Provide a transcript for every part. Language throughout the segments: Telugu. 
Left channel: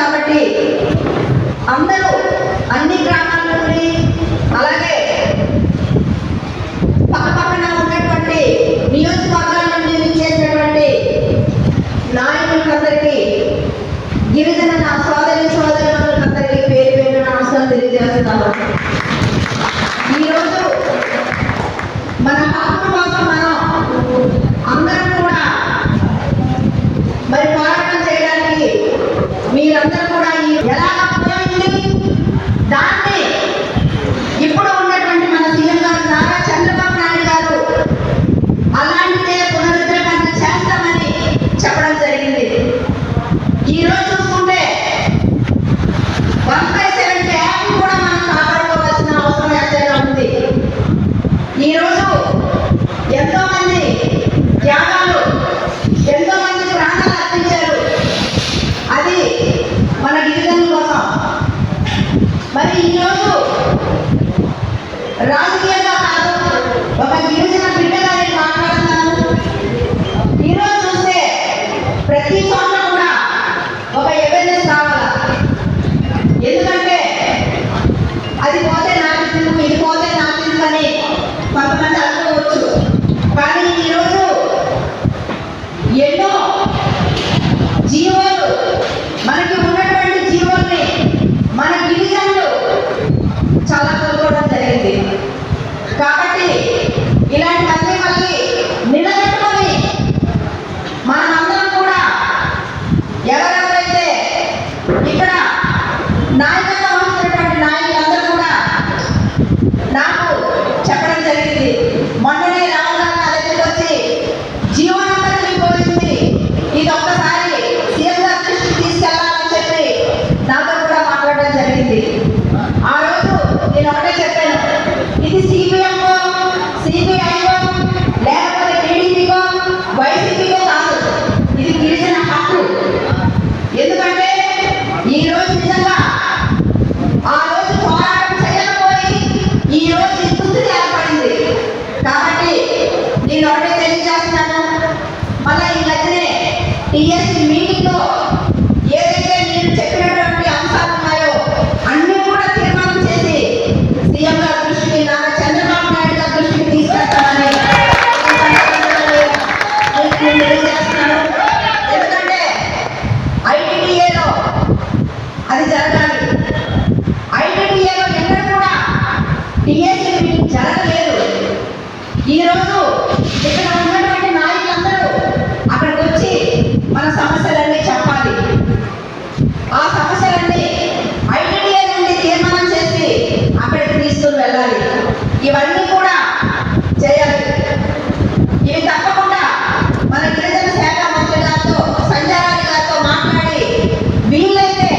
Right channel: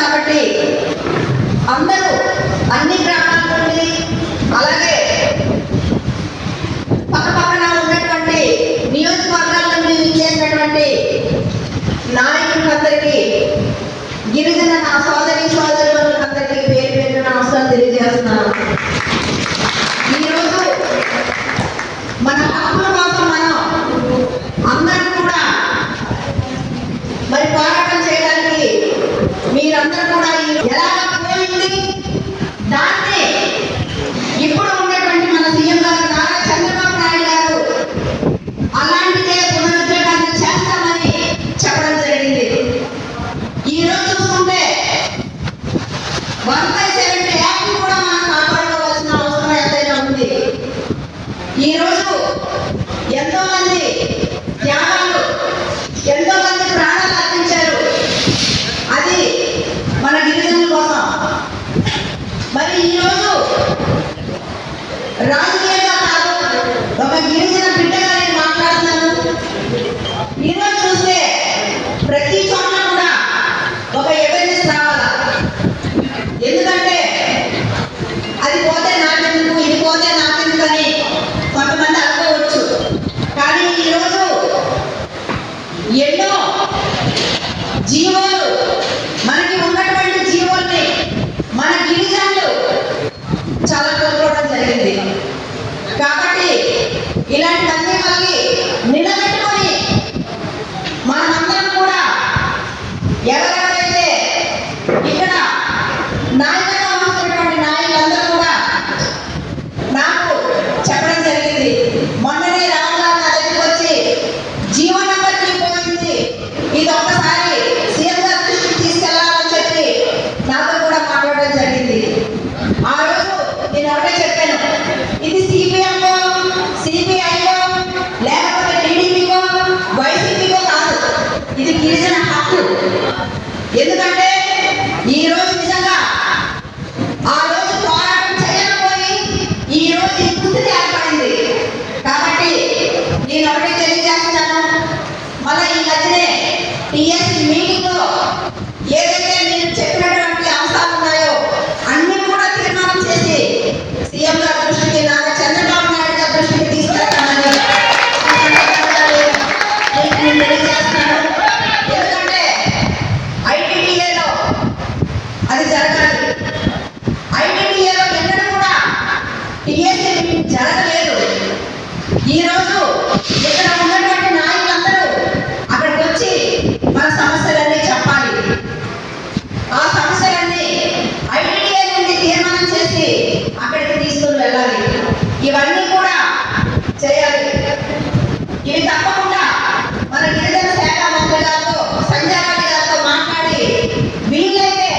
కాబట్టి అందరూ అన్ని గ్రామాల నుండి అలాగే పక్కపక్కన ఉన్నటువంటి నియోజకవర్గాల నుండి చేసినటువంటి నాయకులందరికీ గిరిజన నా సోదరి సోదరులందరికీ పేరు పేరు నమస్కారం తెలియజేస్తున్నాను. ఈరోజు మన హక్కుల కోసం మనం అందరం కూడా మరి పోరాటం చేయడానికి మీరందరూ కూడా ఎలా పోయింది దాన్ని ఇప్పుడు ఉన్నటువంటి మన సీఎం గారు నారా చంద్రబాబు నాయుడు గారు అలాంటిదే పునరుద్ధరణ చేస్తామని చెప్పడం జరిగింది. ఈరోజు చూసుకుంటే 1/70 యాక్ట్ కూడా మనం కాపాడుకోవాల్సిన అవసరం ఎంతైనా ఉంది. ఈరోజు ఎంతో మంది త్యాగాలు, ఎంతో మంది ప్రాణాలు అర్పించారు. అది మన గిరిజనుల కోసం. మరి ఈరోజు రాజకీయంగా కాదు, ఒక గిరిజన బిడ్డగా నేను మాట్లాడుతున్నాను. ఈరోజు చూస్తే ప్రతి చోట కూడా ఒక అవేర్నెస్ రావాలి. ఎందుకంటే అది పోతే నాకెందుకు, ఇది పోతే నాకెందుకు అని కొంతమంది అనుకోవచ్చు. కానీ ఈరోజు ఎన్నో జీవోలు, మనకి ఉన్నటువంటి జీవోల్ని మన గిరిజనులు చాలా కోరుకోవడం జరిగింది. కాబట్టి ఇలాంటివన్నీ మళ్ళీ నిలబెట్టుకొని మనమందరం కూడా ఎవరెవరైతే ఇక్కడ నాయకత్వం వహిస్తున్నటువంటి నాయకులందరూ కూడా నాకు చెప్పడం జరిగింది. మొన్ననే రాహుల్ గాంధీ నా దగ్గరికి వచ్చి జీవో నెంబర్ 3 పోయింది, ఇది ఒక్కసారి సీఎం గారి దృష్టికి తీసుకెళ్లాలని చెప్పి నాతో కూడా మాట్లాడడం జరిగింది. ఆ రోజు నేను ఒకటే చెప్పాను, ఇది సిపిఎంకో సిపిఐకో లేకపోతే టీడీపీకో వైసీపీకో కాదు, ఇది గిరిజన హక్కు. ఎందుకంటే ఈ రోజు నిజంగా ఆ రోజు పోరాటం చేయకపోయి ఈ రోజు ఈ స్థితి ఏర్పడింది. కాబట్టి నేను ఒకటే తెలియజేస్తున్నాను, మళ్ళీ ఈ మధ్యనే టీఎస్సీ మీటింగ్లో ఏదైతే నేను చెప్పినటువంటి అంశాలు ఉన్నాయో అన్ని కూడా తీర్మానం చేసి సీఎం గారి దృష్టికి, నారా చంద్రబాబు నాయుడు గారి దృష్టికి తీసుకెళ్తామని నేను తెలియజేస్తున్నాను. ఎందుకంటే ఐటీడీఏలో అది జరగాలి. ఐటీడీఏలో ఎన్నడూ కూడా టీఎస్సీ మీటింగ్ జరగలేదు. ఈరోజు ఇక్కడ ఉన్నటువంటి నాయకులందరూ అక్కడికి వచ్చి మన సమస్యలన్నీ చెప్పాలి. ఆ సమస్యలన్నీ ఐటీడీఏ నుండి తీర్మానం చేసి అక్కడికి తీసుకుని వెళ్ళాలి. ఇవన్నీ కూడా చేయాలి. ఇవి తప్పకుండా మన గిరిజన శాఖ మంత్రి గారితో, సంజయ్ రెడ్డి గారితో మాట్లాడి వీలైతే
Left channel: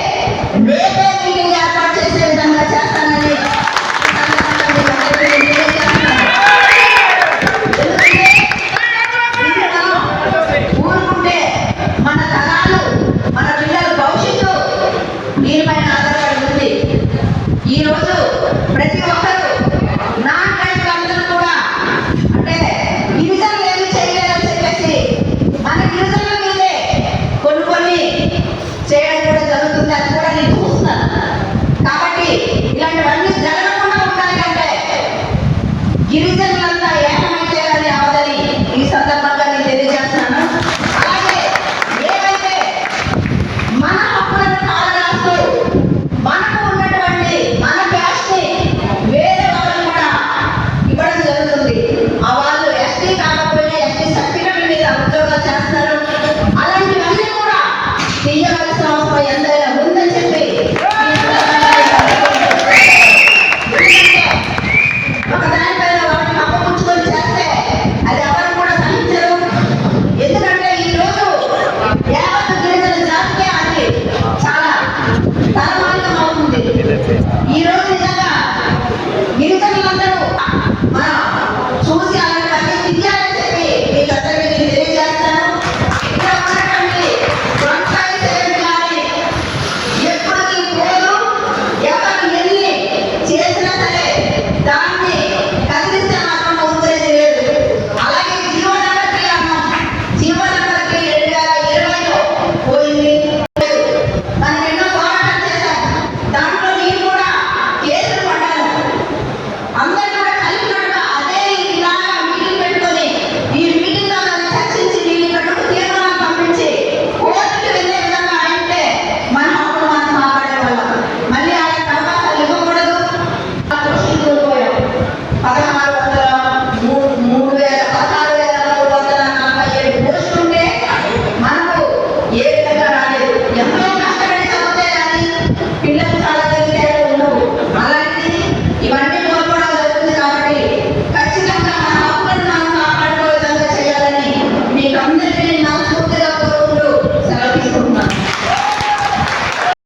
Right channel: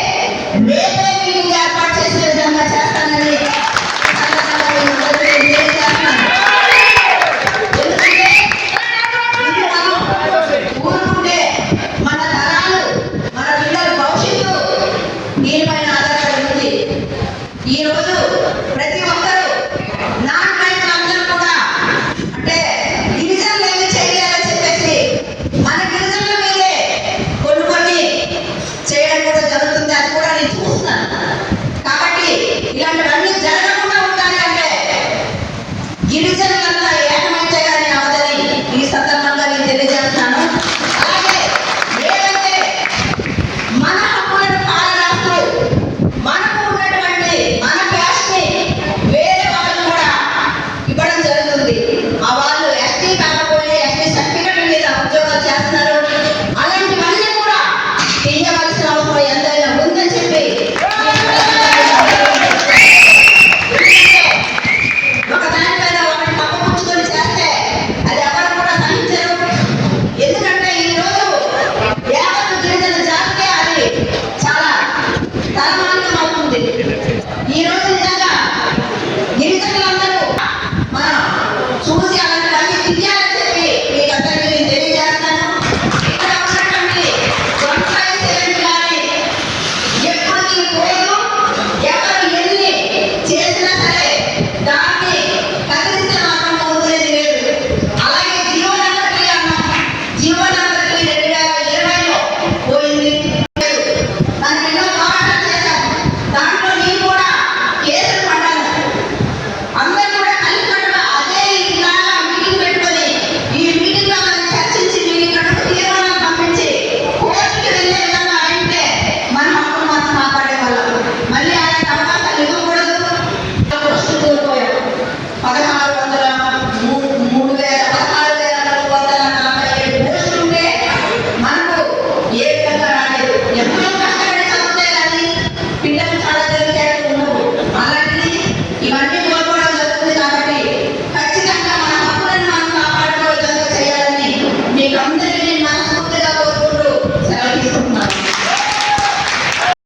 రేపే మీటింగ్ ఏర్పాటు చేసే విధంగా చేస్తానని ఊరుకుంటే మన తరాలు, మన పిల్లల భవిష్యత్తు దీనిపైన ఆధారపడి ఉంది. ఈరోజు ప్రతి ఒక్కరూ నాన్ రైతులందరూ కూడా అంటే గిరిజనులు ఏమి చేయలేరని చెప్పేసి మన గిరిజనుల మీదే కొన్ని చేయడం కూడా జరుగుతుంది. అది కూడా నేను చూస్తున్నాను. కాబట్టి ఇలాంటివన్నీ జరగకుండా ఉండాలి అంటే గిరిజనులంతా ఏకమైతే కానీ అవదని ఈ సందర్భంగా నేను తెలియజేస్తున్నాను. అలాగే ఏవైతే మన హక్కులను కాలరాస్తూ మనకు ఉన్నటువంటి మన క్యాస్ట్ని వేరే వాళ్ళు కూడా ఇవ్వడం జరుగుతుంది. ఆ వాళ్ళు ఎస్టీ కాకపోయినా ఎస్టీ సర్టిఫికెట్ మీద ఉద్యోగాలు చేస్తున్నారు. అలాంటివన్నీ కూడా తీయవలసిన అవసరం ఎంతైనా ఉందని చెప్పి ఒక దానిపైన ఒకటి కప్పపుచ్చుకొని చేస్తే అది ఎవరు కూడా సహించరు. ఎందుకంటే ఈరోజు యావత్ గిరిజన జాతికే అది చాలా తలమానికం అవుతుంది. ఈరోజు నిజంగా గిరిజనులందరూ మనం చూసి అలాంటివన్నీ తీయాలని చెప్పి మీకు అందరికీ నేను తెలియజేస్తాను. ఇక్కడ ఉన్నటువంటి కానీ ఎప్పటికీ పోదు. ఎవరు ఎన్ని చేసినా సరే దాన్ని కదిలిస్తే మాత్రం ఊరుకునేది లేదు. అలాగే జీవన